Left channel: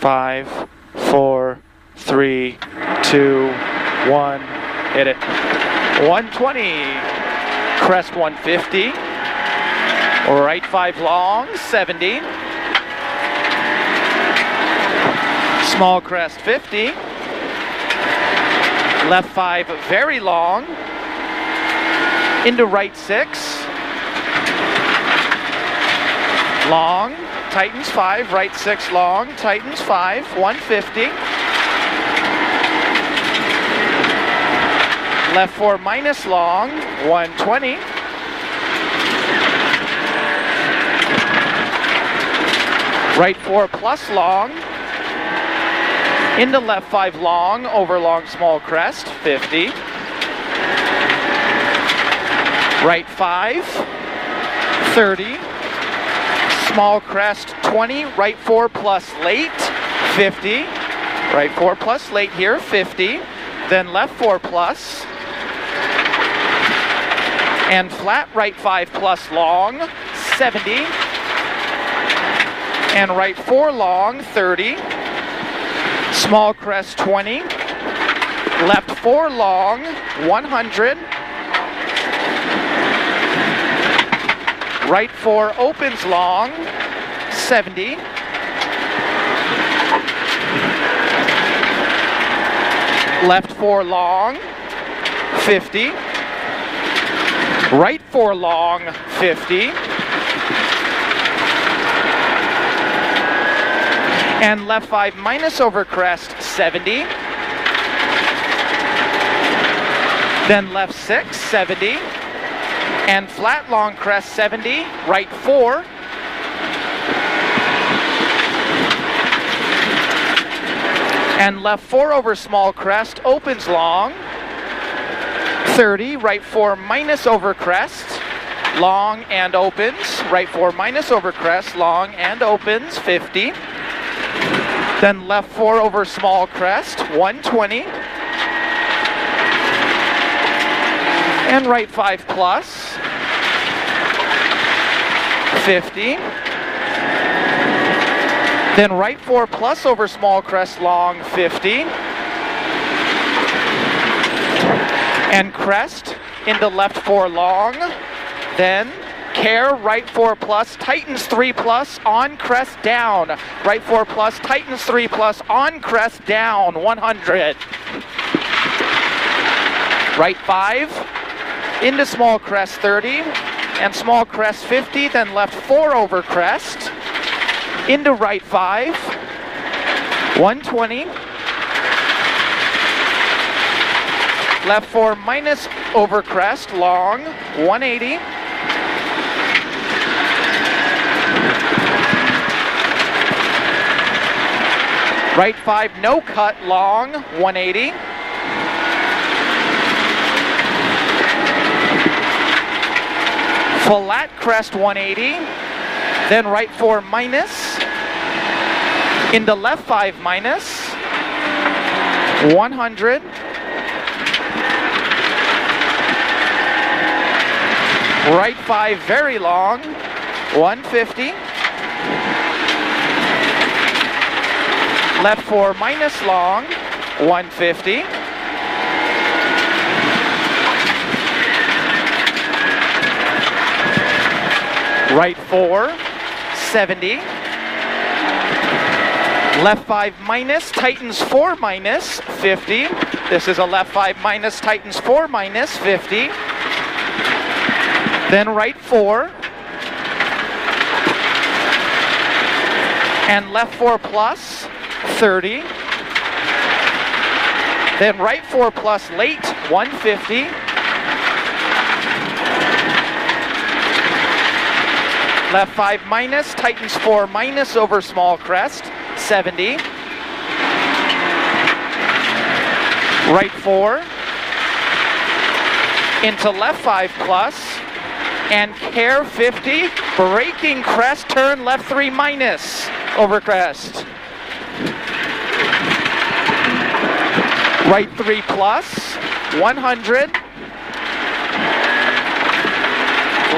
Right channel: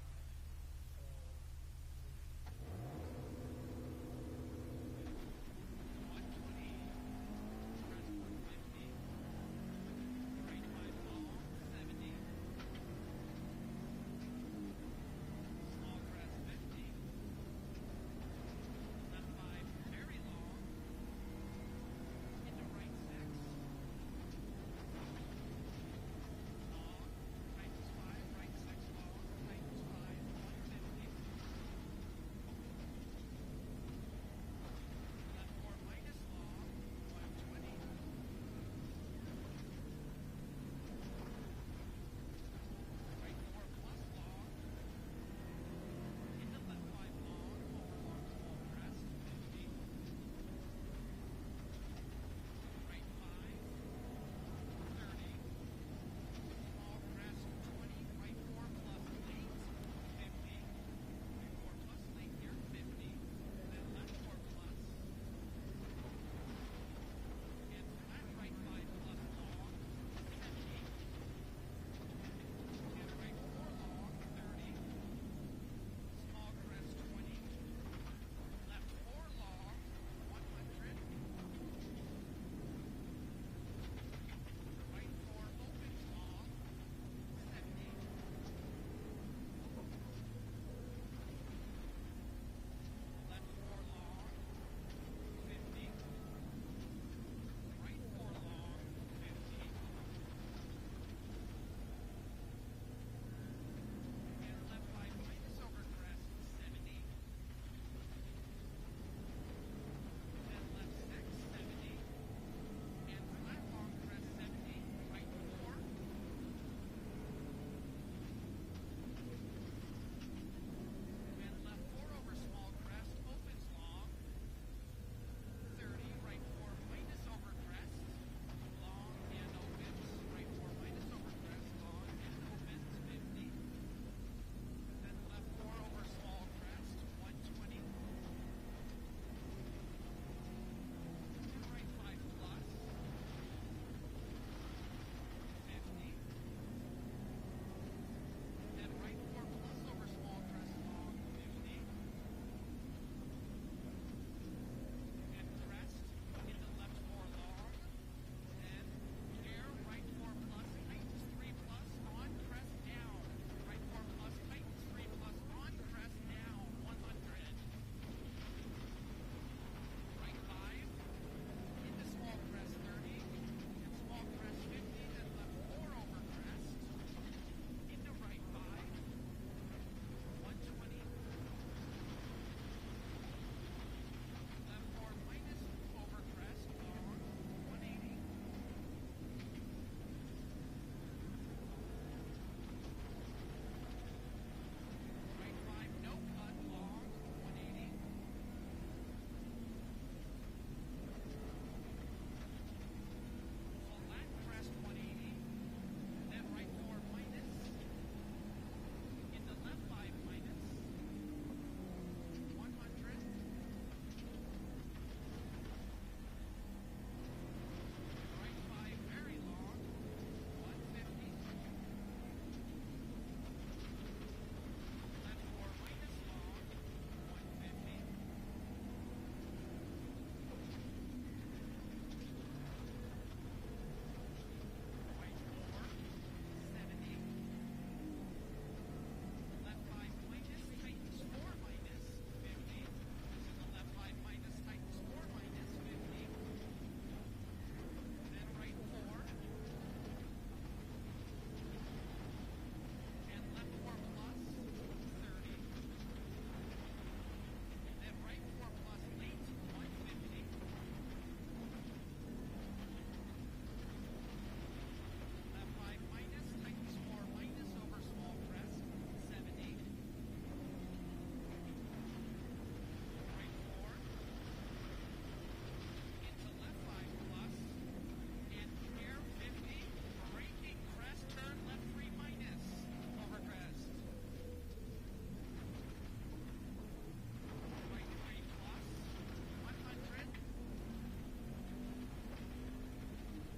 5, 4, 3, 2, 1. Hit it. 120. Crest 150. Right 5 long, 70. Small crest 50. Left 5 very long. Into right 6. Long. Tightens 5. Right 6 long. Tightens 5. 150. Left 4 minus long. 120. Right 4 plus long. Into left 5 long, over long small crest, 50. Right 5, 30. Small crest, 20. Right 4 plus late, 50. Right 4 plus late here, 50. Then left 4 plus. And flat right 5 plus long, 70. And right 4 long, 30. Small crest 20. Left 4 long, 100. Right 4 opens long, 70. Left 4 long, 50. Right 4 long, 50. And left 5 minus over crest, 70. Then left 6, 70. And flat long crest, 70. Right 4. And left 4 over small crest, opens long, 30. Right 4 minus over crest, long and opens. Right 4 minus over crest, long and opens, 50. Then left 4 over small crest, 120. And right 5 plus, 50. Then right 4 plus over small crest long, 50. And crest into left 4 long. Then care, right 4 plus, tightens 3 plus, on crest down. Right 4 plus, tightens 3 plus, on crest down, 100. Right 5, into small crest 30, and small crest 50, then left 4 over crest, into right 5, 120. Left 4 minus over crest, long, 180. Right 5, no cut, long, 180. Flat crest, 180. Then right 4 minus. Into left 5 minus. 100. Right 5 very long, 150. Left 4 minus long, 150. Right 4, 70. Left 5 minus, tightens 4 minus, 50. This is a left 5 minus, tightens 4 minus, 50. Then right 4. And left 4 plus, 30. Then right 4 plus late, 150. Left 5 minus, tightens 4 minus over small crest, 70. Right 4. Into left 5 plus. And care 50. Braking crest, turn left 3 minus over crest. Right 3 plus, 100.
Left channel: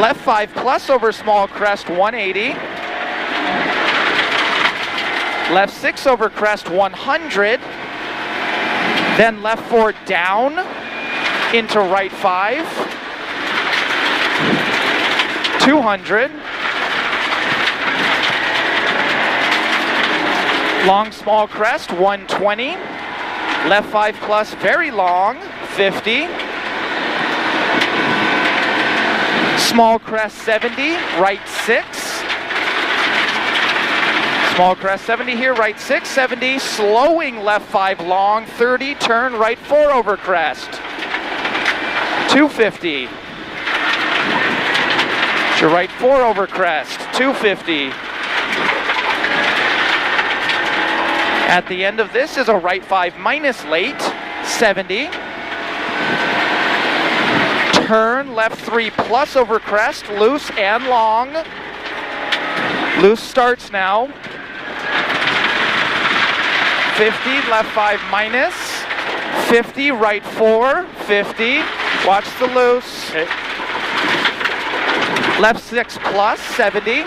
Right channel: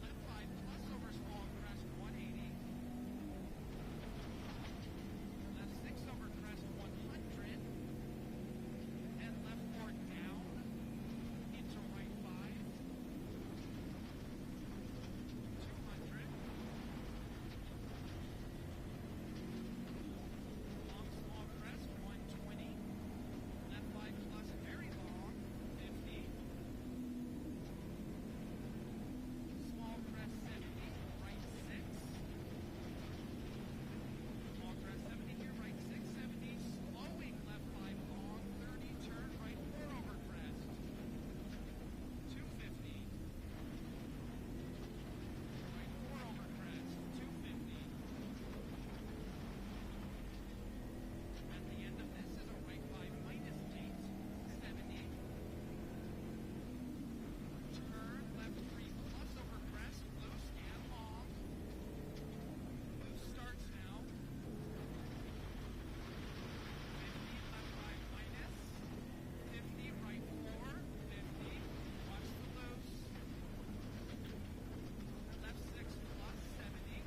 Left 5 plus over small crest, 180. left 6 over crest 100, then left 4 down into right 5, 200, long small crest 120, left 5 plus very long 50, small crest 70, right 6, small crest 70 here, right 6, 70, slowing left 5 long, 30, turn right 4 over crest, 250. To right 4 over crest, 250. At the end of this is a right 5 minus late, 70. Turn left 3 plus over crest, loose and long. Loose starts now. 50, left 5 minus. 50, right 4, 50. Watch the loose. Okay. Left 6 plus, 70.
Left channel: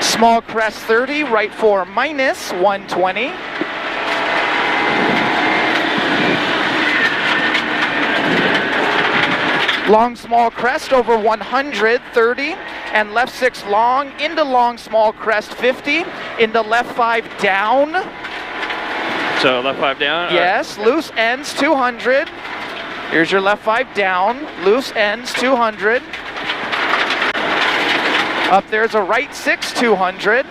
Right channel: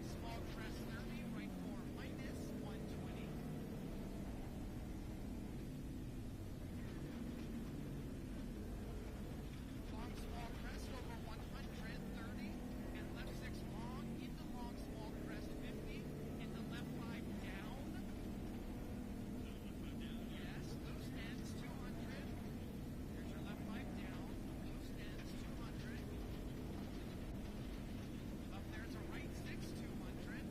Small crest 30, right 4 minus, 120. Long small crest over 100, 30. And left 6 long, into long small crest 50. Into left 5 down. So left 5 down? Yes, loose ends 200. Here's your left 5 down, loose ends 200. Up there's a right 6, 200.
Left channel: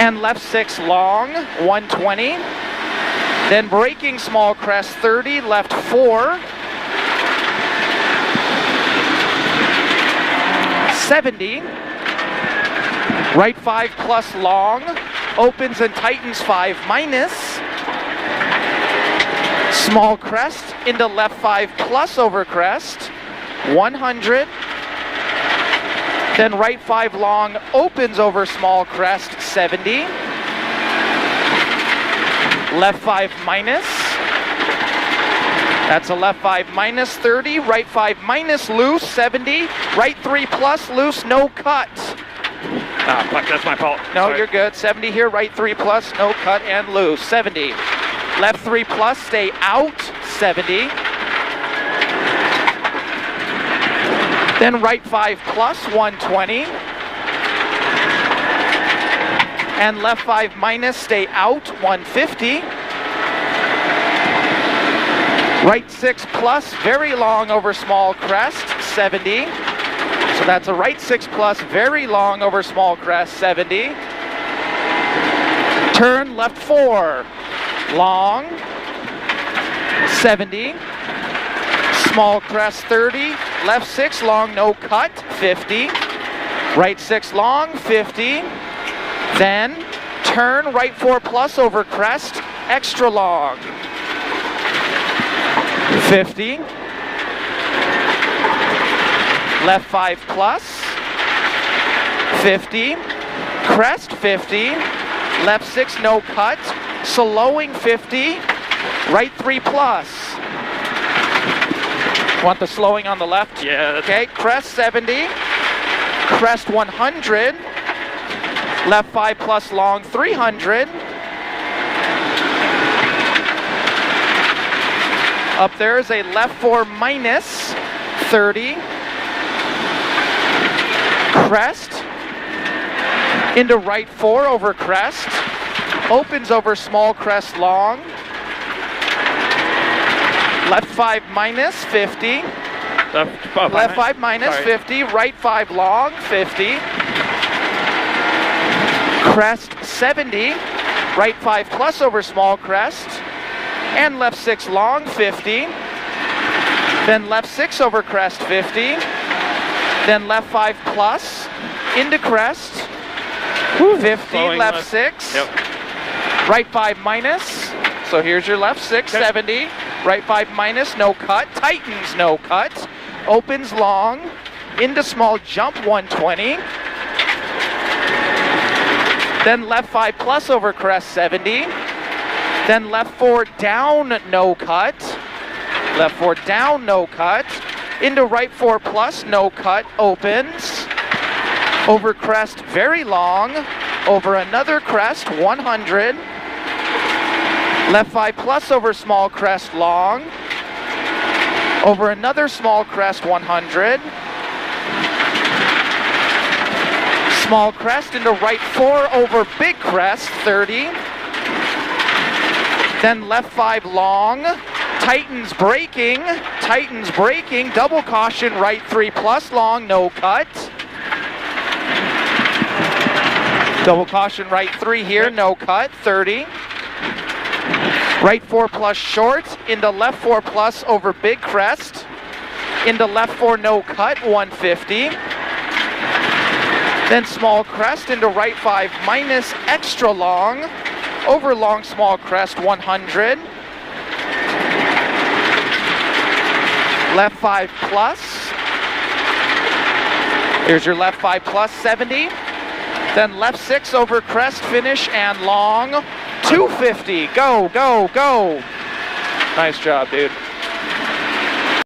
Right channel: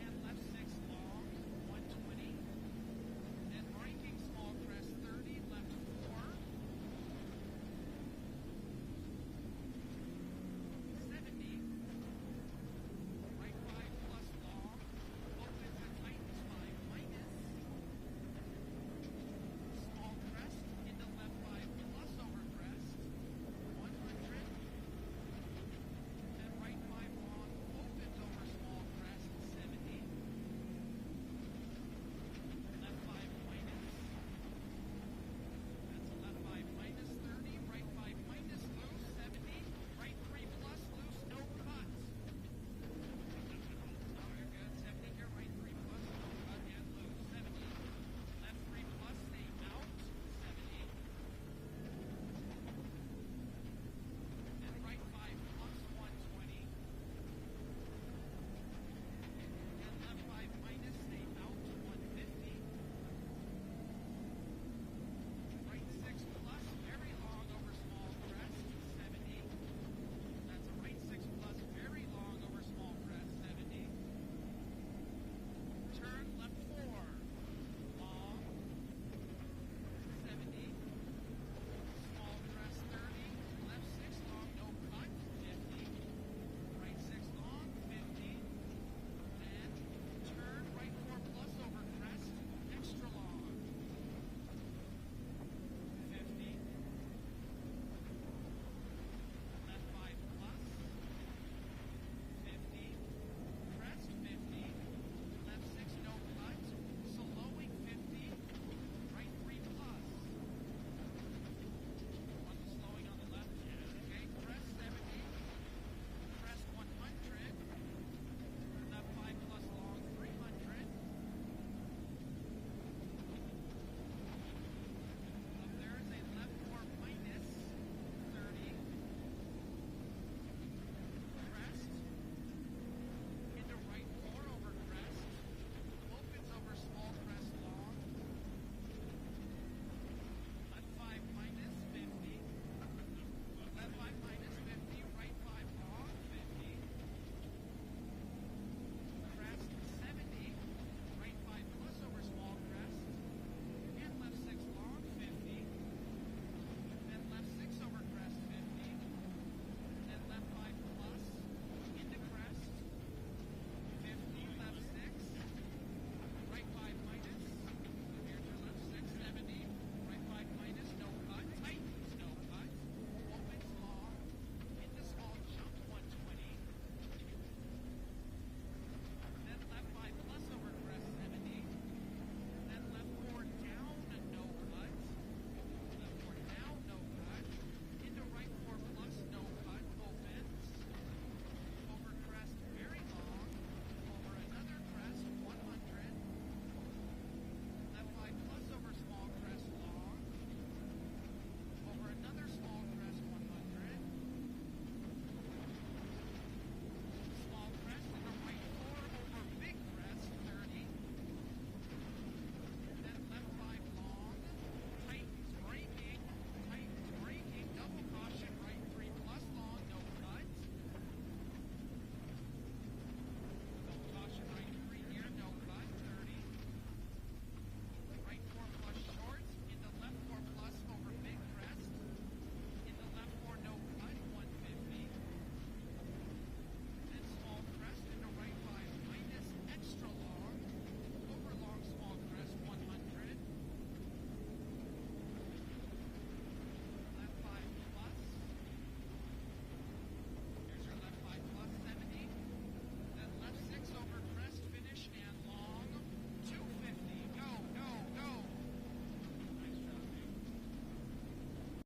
And left 6 long, 120. Then braking small crest 30, left 4. 70. Right 5 plus long, opens and tightens 5 minus. Small crest into left 5 plus over crest. 100, then right 5 long opens over small crest 70, left 5 minus, that's a left 5 minus 30, right 5 minus loose 70, right 3 plus loose, no cut. Ah, fuck, that's my fault. No, Sorry. you're good. 70 here, right 3 plus, no cut and loose, 70. Left 3 plus, stay out, 70. Then right 5 plus, 120. And left 5 minus, stay out, 150. Right 6 plus, very long over small crest, 70. So that's a right 6 plus, very long over small crest, 70. Turn left 4, long, 70. Small crest 30, left 6 long, no cut, 50. Right 6 long, 50. Then turn right 4 plus over crest, extra long, 50. Left 5 plus, 50. Crest 50. Left 6 no cut, slowing 50. Right 3 plus. Want the slowing on the left? Yeah. Okay, crest 70, crest 100, left 5 plus long 300. Up there is a left 4 minus 30, crest, into right 4 over crest, opens over small crest long, left 5 minus 50. Left 5 minus, sorry. 50. Right 5 long, 50. Crest 70. Right 5 plus over small crest. And left 6 long, 50. Then left 6 over crest, 50. Then left 5 plus into crest. 50. Slowing Left 6. Yep. Right 5 minus. So here's your left 6, okay. 70. Right 5 minus, no cut. Tightens, no cut. Opens long. Into small jump, 120. Then left 5 plus over crest, 70. Then left 4 down, no cut. Left 4 down, no cut. Into right 4 plus, no cut. Opens. Over crest, very long. Over another crest, 100. Left 5 plus over small crest, long. Over another small crest, 100. Small crest into right 4 over big crest, 30. Then left 5 long. Tightens braking, double caution, right 3 plus long, no cut. Double caution, right 3 here, no cut, 30. Right 4 plus short, into left 4 plus over big crest. Into left 4 no cut, 150. Then small crest into right 5 minus extra long. Over long small crest, 100. Left 5 plus. Here's your left 5 plus, 70. Then left 6 over crest, finish, and long, 250. Go, go, go. Nice job, dude.